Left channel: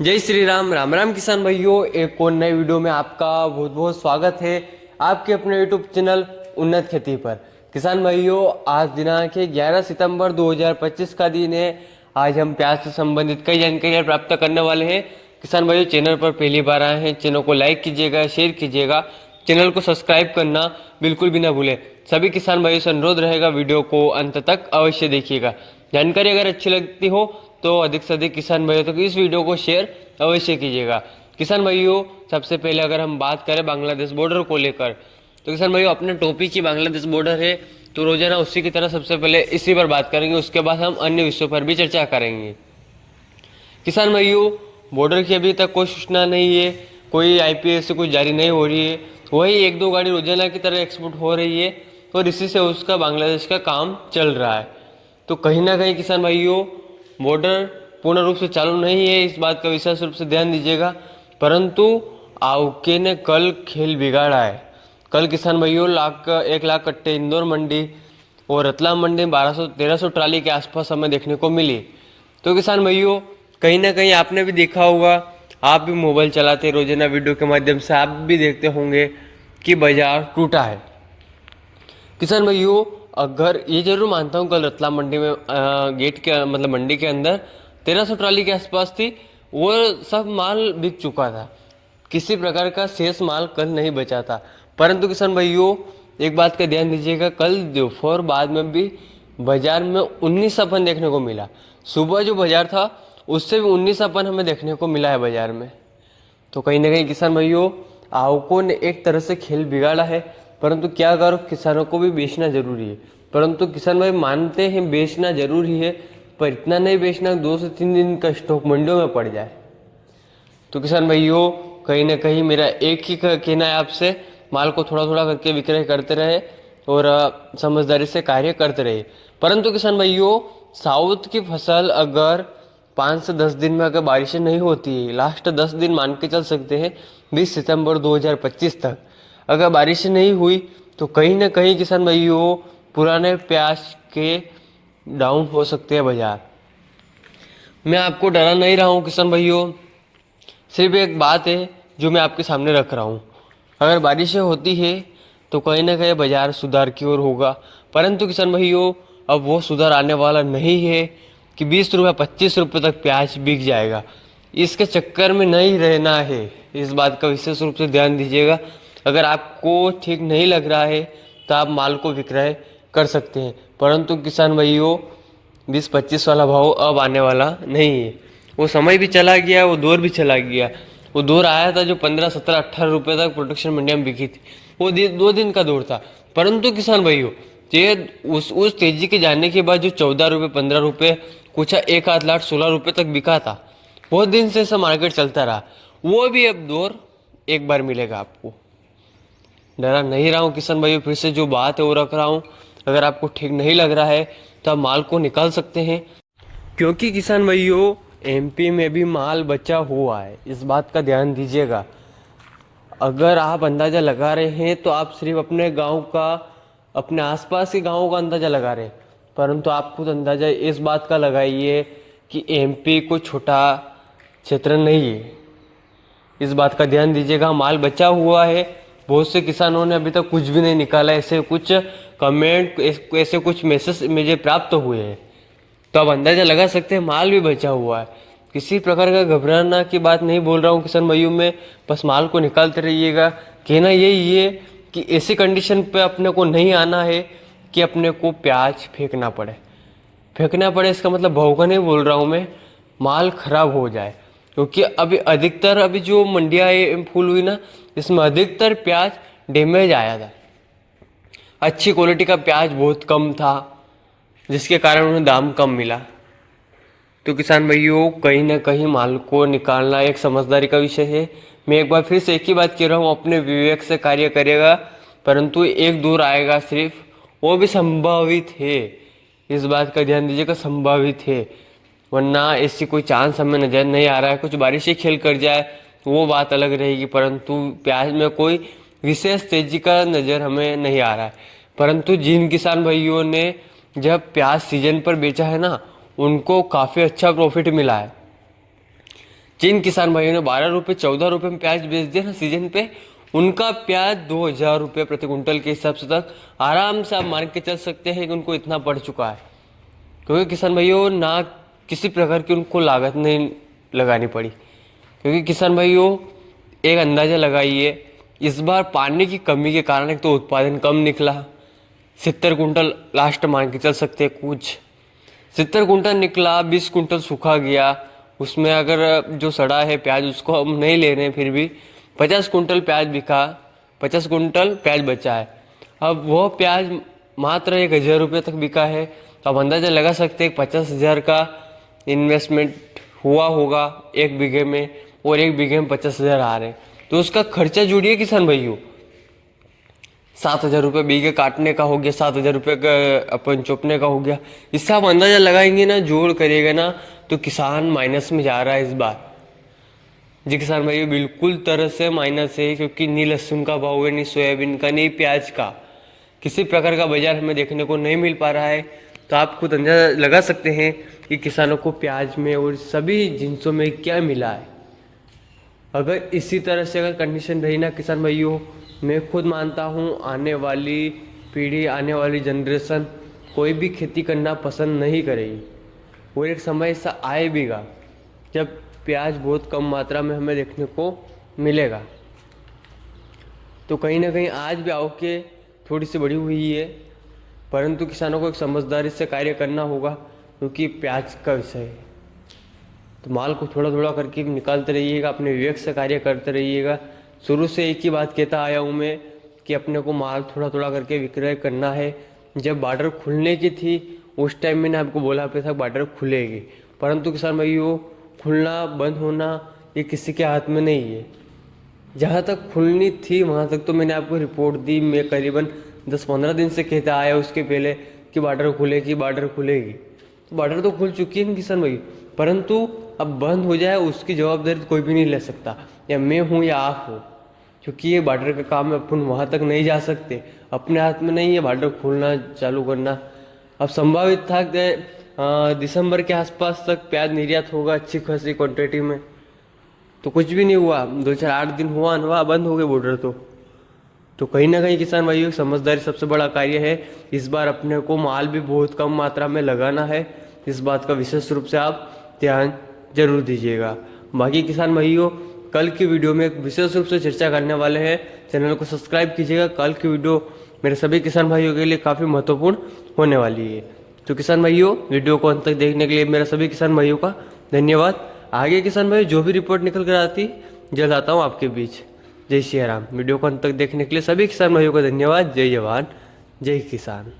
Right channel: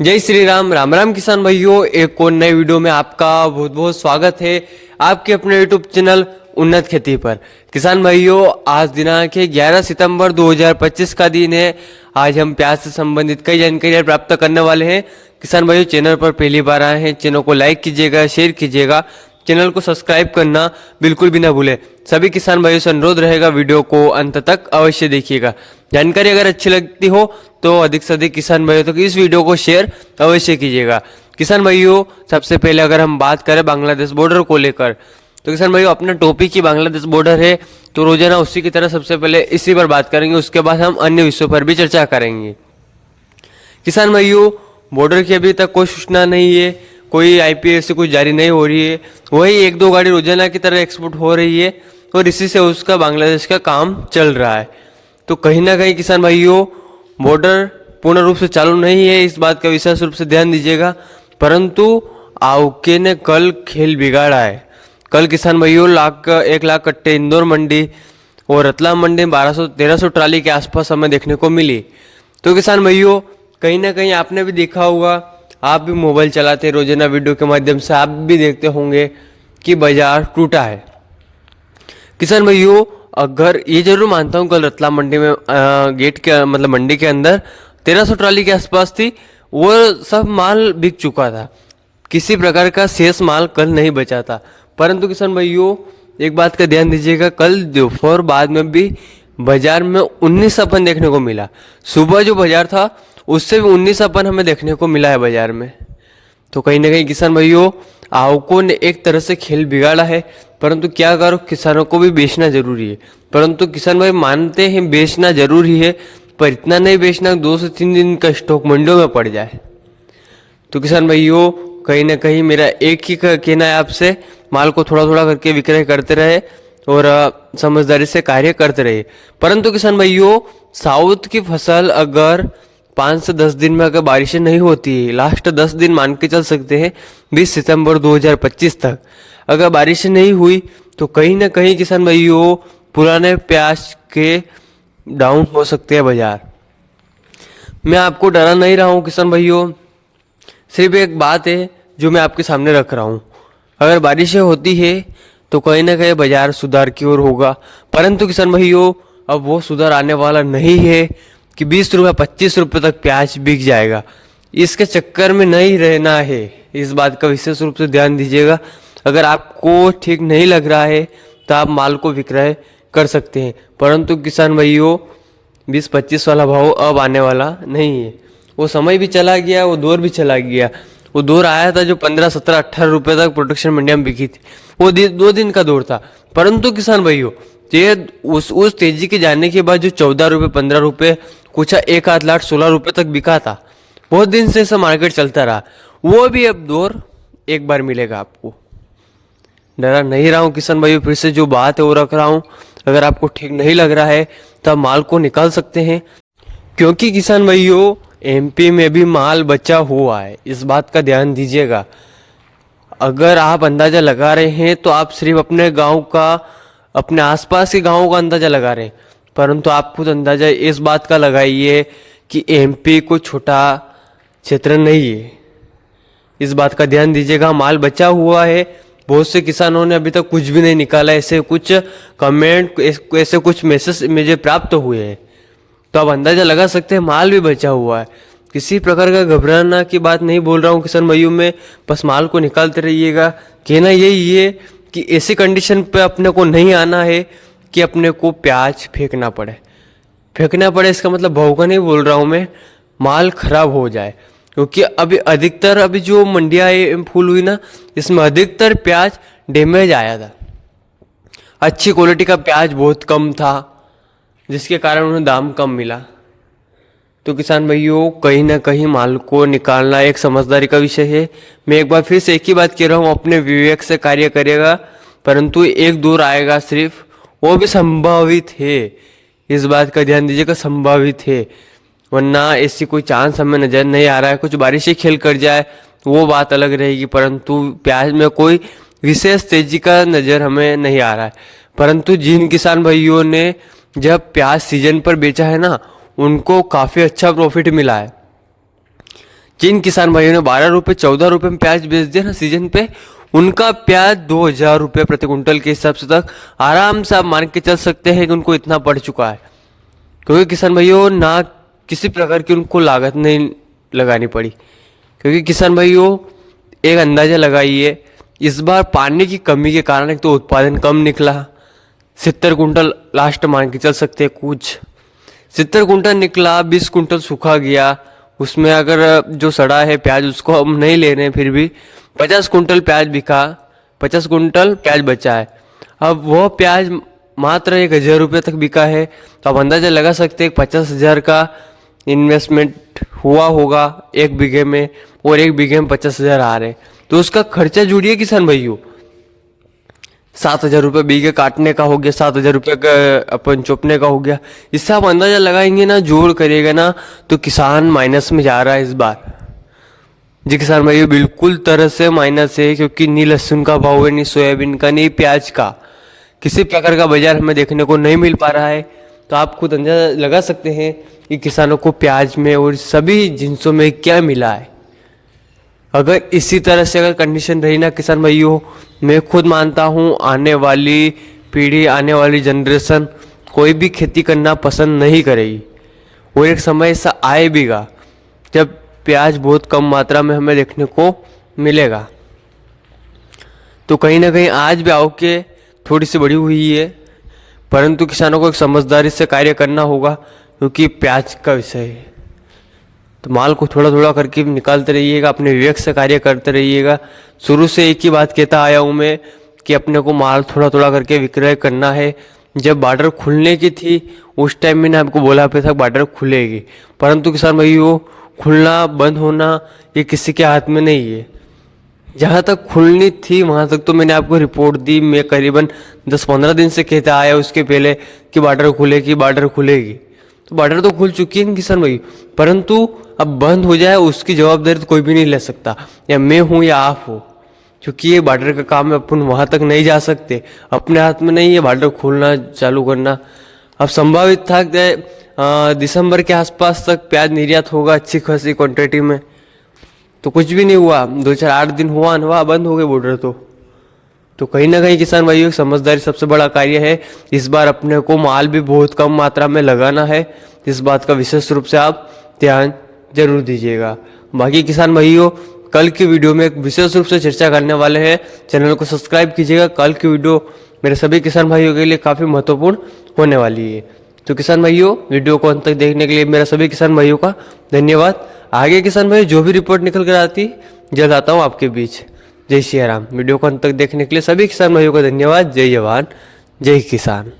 जय श्री राम। राम राम किसान भाइयों, एक और नए वीडियो में आपका बहुत बहुत स्वागत है आपके अपने यूट्यूब चैनल उन्नत खेती पर। किसान भाइयों, आज दिनांक है 11 सितंबर 2025 का दिन है। आज हम प्याज से संबंधित कई जानकारियां प्राप्त करने वाले हैं। किसान भाइयों, चैनल पर पहली बार आए हैं, चैनल को लाइक कीजिएगा, शेयर कीजिएगा, चैनल को सब्सक्राइब करना बिल्कुल भी ना भूलें। सभी किसान भाइयों से अनुरोध रहेगा, वीडियो को अंत तक अवश्य देखिएगा। जानकारी अगर अच्छी लगती हो तो अधिक से अधिक किसान भाइयों तक इस वीडियो को शेयर अवश्य कीजिएगा। किसान भाइयों, सबसे पहले अगर हम बात करें बांग्लादेश बॉर्डर को लेकर, तो किसान भाइयों अपना टॉपिक ही बांग्लादेश बॉर्डर है, तो रोजाना उसी की तरह सबसे पहले इसी पर बात करेंगे। उसके बाद हम अन्य विषयों पर भी चर्चा करेंगे। किसान भाइयों, बॉर्डर की अभी तक कोई सूचना नहीं है, कोई आईपीएस से कुछ जारी नहीं हो रही है। वही एक दो गाड़ी रोजाना की तरह एक्सपोर्ट हो रही है और इसी से उसका बांग्लादेश का काम चल रहा है। तो कहीं ना कहीं किसान भाइयों बॉर्डर पूर्ण रूप से चालू नहीं है, इस बात का विशेष रूप से ध्यान दीजिएगा। परंतु आउके ने कल खेल बिगाड़ा है। कल किसान भाइयों 1 लाख कट्टे इंदौर मंडी और रतलाम मंडी 1200-1300 ट्राली के आसपास हमें देखने को मिली। तो किसान भाइयों, कहीं ना कहीं आपने भी देखा होगा, आप भी मोबाइल चलाते रोजाना, वीडियो के माध्यम से आप भी देखते होंगे कि बाजार टूटा है। किसान भाइयों, अगर ये जरूर मानता हूँ कल रतलाम मंडी में गेट के मतलब मंडी के अंदर 1300 ट्राली के आसपास थी, वो सब माल बिक चुका था, किसी प्रकार का शेष माल कल नहीं बचा था। परंतु किसान भाइयों एक बात का ध्यान दीजिएगा, कल दोपहर बाद में भी बाजार में 19 अपन देखने को मिला। सुबह जो बाजार था उससे भी 19 अपन हमें देखने को मिला है बाजार में। तो कहीं ना कहीं किसान भाइयों आवकों ने एक तरह से खेल बिगाड़ा है। परंतु क्या करो, किसानों को भी बेचना जरूरी है। परंतु किसान भाई मानते हैं बेचना जरूरी है, पर इतना नहीं बेचना 2 से 3 दिन का स्टॉक मंडियों में पड़ जाए। तो किसान भाइयों कहीं ना कहीं मेरा एक ही कहना है आपसे, माल को थोड़ा थोड़ा करके विक्रय करते रहे और समझदारी से कार्य करते रहे। परंतु किसान भाइयों साउथ की फसल अगर 5 से 10 दिन में अगर बारिशें नहीं होती है, लास्ट 10 दिन मान के चल सकते हैं 20 सितंबर 2025 तक अगर बारिशें नहीं हुई, तो कहीं ना कहीं किसान भाइयों पुराने प्याज के डाउन हो सकते हैं बाजार। मैं आपको डरा नहीं रहा हूँ किसान भाइयों, सिर्फ एक बात है जो मैं आपके सामने रख रहा हूँ। अगर बारिशें होती है तो कहीं ना कहीं बाजार सुधार की ओर होगा। परंतु किसान भाइयों अब वो सुधार आने वाला नहीं है कि 20 रुपये 25 रुपये तक प्याज बिक जाएगा। इसके चक्कर में नहीं रहना है, इस बात का विशेष रूप से ध्यान दीजिएगा। अगर आपको ठीक नहीं लग रहा है तो आप माल को विक्रय कर सकते हैं, परंतु किसान भाइयों 20-25 वाला भाव अब आने वाला नहीं है। वो समय भी चला गया, वो दौर भी चला गया। वो दौर आया था जो 15, 17, 18 रुपये तक प्रोडक्शन मंडिया में बिकी थी, वो 2 दिन का दौर था। परंतु किसान भाइयों ये उस तेजी के जाने के बाद जो 14 रुपये 15 रुपये कुछ 1 लाख 16 रुपये तक बिका था, बहुत दिन से ऐसा मार्केट चलता रहा, वो भी अब दौर एक बार मिलेगा आपको। डरा नहीं रहा हूँ किसान भाइयों, फिर से जो बात है वो रख रहा हूँ। अगर आपको ठीक नहीं लग रहा है तो आप माल को निकाल सकते हैं, क्योंकि किसान भाइयों एमपी में भी माल बचा हुआ है, इस बात का ध्यान दीजिएगा। अगर आप अंदाजा लगा रहे हैं तो आप सिर्फ अपने गांव का, अपने आसपास के गांवों का अंदाजा लगा रहे हैं, परंतु आप खुद अंदाजा इस बात का लगाइए कि एमपी कोई छोटा क्षेत्र नहीं है। इस बात का ध्यान दीजिएगा, माल बचा हुआ है। बहुत से किसानों ने अभी तक कुछ भी नहीं निकाला, ऐसे कुछ कमेंट, ऐसे कुछ मैसेज मुझे प्राप्त हुए हैं, तो आप अंदाजा लगा सकते हैं माल भी बचा हुआ है। किसी प्रकार का घबराना की बात नहीं बोल रहा हूँ किसान भाइयों में, बस माल को निकालते रहिएगा। कहना यही है कि ऐसी कंडीशन पे अपने को नहीं आना है कि अपने को प्याज फेंकना पड़े। इसका मतलब भाव का नहीं बोल रहा हूँ मैं, माल खराब हो जाए। क्योंकि अभी जो मंडियाँ फुल हुई ना, इसमें अधिकतर प्याज डैमेज आया था, अच्छी क्वालिटी का प्याज बहुत कम था, जिसके कारण उन्हें दाम कम मिला। तो किसान भाइयों कहीं ना कहीं माल को निकालना एक समझदारी का विषय है। मैं एक बार फिर से एक ही बात कह रहा हूँ, अपने विवेक से कार्य करेगा, परंतु एक दूर आएगा सिर्फ, वो भी संभावित है, इस बात का ध्यान दीजिएगा, संभावित है। वरना ऐसी कोई चांस हमें नजर नहीं आ रहा है। कुछ बारिशें खेल कर जाए वो बात अलग रहेगी, परंतु प्याज में कोई विशेष तेजी का नजर हमें नहीं आ रहा है। परंतु जिन किसान भाइयों ने जब प्याज सीजन पर बेचा है ना, उनको काफ़ी अच्छा प्रॉफिट मिला है। जिन किसान भाइयों ने 12 रुपये 14 रुपये में प्याज बेच दिया ना सीजन पे, उनका प्याज 2,000 रुपये प्रति कुंटल के हिसाब से तक आराम से आप मान के चल सकते हैं कि उनको इतना पड़ चुका है। क्योंकि किसान भाइयों ना किसी प्रकार की उनको लागत नहीं लगानी पड़ी। क्योंकि किसान भाइयों एक अंदाज़ा लगाइए, इस बार पानी की कमी के कारण एक तो उत्पादन कम निकला, 70 कुंटल लास्ट मान के चल सकते हैं, कुछ 70 कुंटल निकला, 20 कुंटल सूखा गया। उसमें अगर जो सड़ा है प्याज उसको हम नहीं ले रहे हैं, फिर भी 50 कुंटल प्याज बिका, 50 कुंटल प्याज बचा है। अब वह प्याज मात्र 1,000 रुपये तक बिका है, तो आप अंदाज़ा लगा सकते हैं 50,000 का इन्वेस्टमेंट हुआ होगा 1 बीघे में, और 1 बीघे में 50,000 आ रहे, तो उसका खर्चा जुड़िए किसान भाइयों। 7,000 रुपये बीघे काटने का हो गया, 7,000 रुपये का अपन चोपने का हो गया। इससे आप अंदाजा लगाएंगे ना, जोड़ करेगा ना, तो किसान माइनस में जा रहा है इस बार। जी किसान भाइयों बिल्कुल तरह से माइनस है, क्योंकि नी लहसुन का भाव है, नी सोयाबीन का, नी प्याज का, किसी प्रकार का बाजार हमें देखने को नहीं मिल पा रहा है। तो आप खुद अंदाजा लगा सकते हैं कि किसानों को प्याज में और सभी जिनसों में क्या मिला है। अगर इसी तरह से अगर कंडीशन रही ना किसान भाइयों, मैं खुद मानता हूँ आने वाली पीढ़ी, आने वाली जनरेशन कोई भी खेती करना पसंद नहीं करेगी। और एक समय ऐसा आएगा जब प्याज बहुत कम मात्रा में हमें देखने को मिलेगा। तो कहीं ना कहीं आज भी आवक थोड़ी सी बढ़ी हुई है, परंतु किसानों को एक समझदारी से कार्य करना होगा, क्योंकि प्याज का विषय है। तो माल को थोड़ा थोड़ा करके निकालते रहिएगा, अपने विवेक से कार्य करते रहिएगा। शुरू से एक ही बात कहता आया हूँ मैं कि अपने को माल थोड़ा थोड़ा करके विक्रय करना है। जब बॉर्डर खुलने की थी उस टाइम मैंने आपको बोला पे था बॉर्डर खुलेगी, परंतु किसान भाइयों खुलना बंद होना ये किसी के हाथ में नहीं है। जहाँ तक खुलनी थी वहाँ तक तो मैंने आपको रिपोर्ट दी। मैं करीबन 10-15 दिन से कहता आया उसके पहले कि बॉर्डर खुलेगी, बॉर्डर खुलेगी। तो बॉर्डर तो खुल चुकी है किसान भाई, परंतु अब बंद हो जाए उसकी जवाबदारी तो कोई भी नहीं ले सकता, या मैं हूँ या आप हो। क्योंकि ये बॉर्डर का काम है, अपन वहाँ तक नहीं जा सकते, अपने हाथ में नहीं है बॉर्डर खोलना चालू करना। अब संभावित था कि दिसंबर के आसपास तक प्याज निर्यात होगा अच्छी खासी क्वांटिटी में, तो कुछ भी नहीं हुआ। 2-4-8 दिन हुआ बंद हो गए बॉर्डर। तो कहीं ना कहीं किसान भाइयों की समझदारी सबसे बड़ा कार्य है। इस बार अपने को माल भी बहुत कम मात्रा में लगाना है, इस बात का विशेष रूप से आप ध्यान जरूर दीजिएगा। बाकी किसान भाइयों कल की वीडियो में एक विशेष रूप से चर्चा करने वाले हैं, चैनल को सब्सक्राइब कीजिएगा। कल की वीडियो मेरे सभी किसान भाइयों के लिए काफ़ी महत्वपूर्ण होने वाली है। तो किसान भाइयों वीडियो को अंत तक देखने के लिए मेरा सभी किसान भाइयों का धन्यवाद। आगे किसान भाई जो भी रिपोर्ट निकल कर आती जल्द आता हूँ आपके बीच। जय श्री राम। वीडियो को अंत तक देखने के लिए सभी किसान भाइयों का धन्यवाद। जय जवान जय किसान।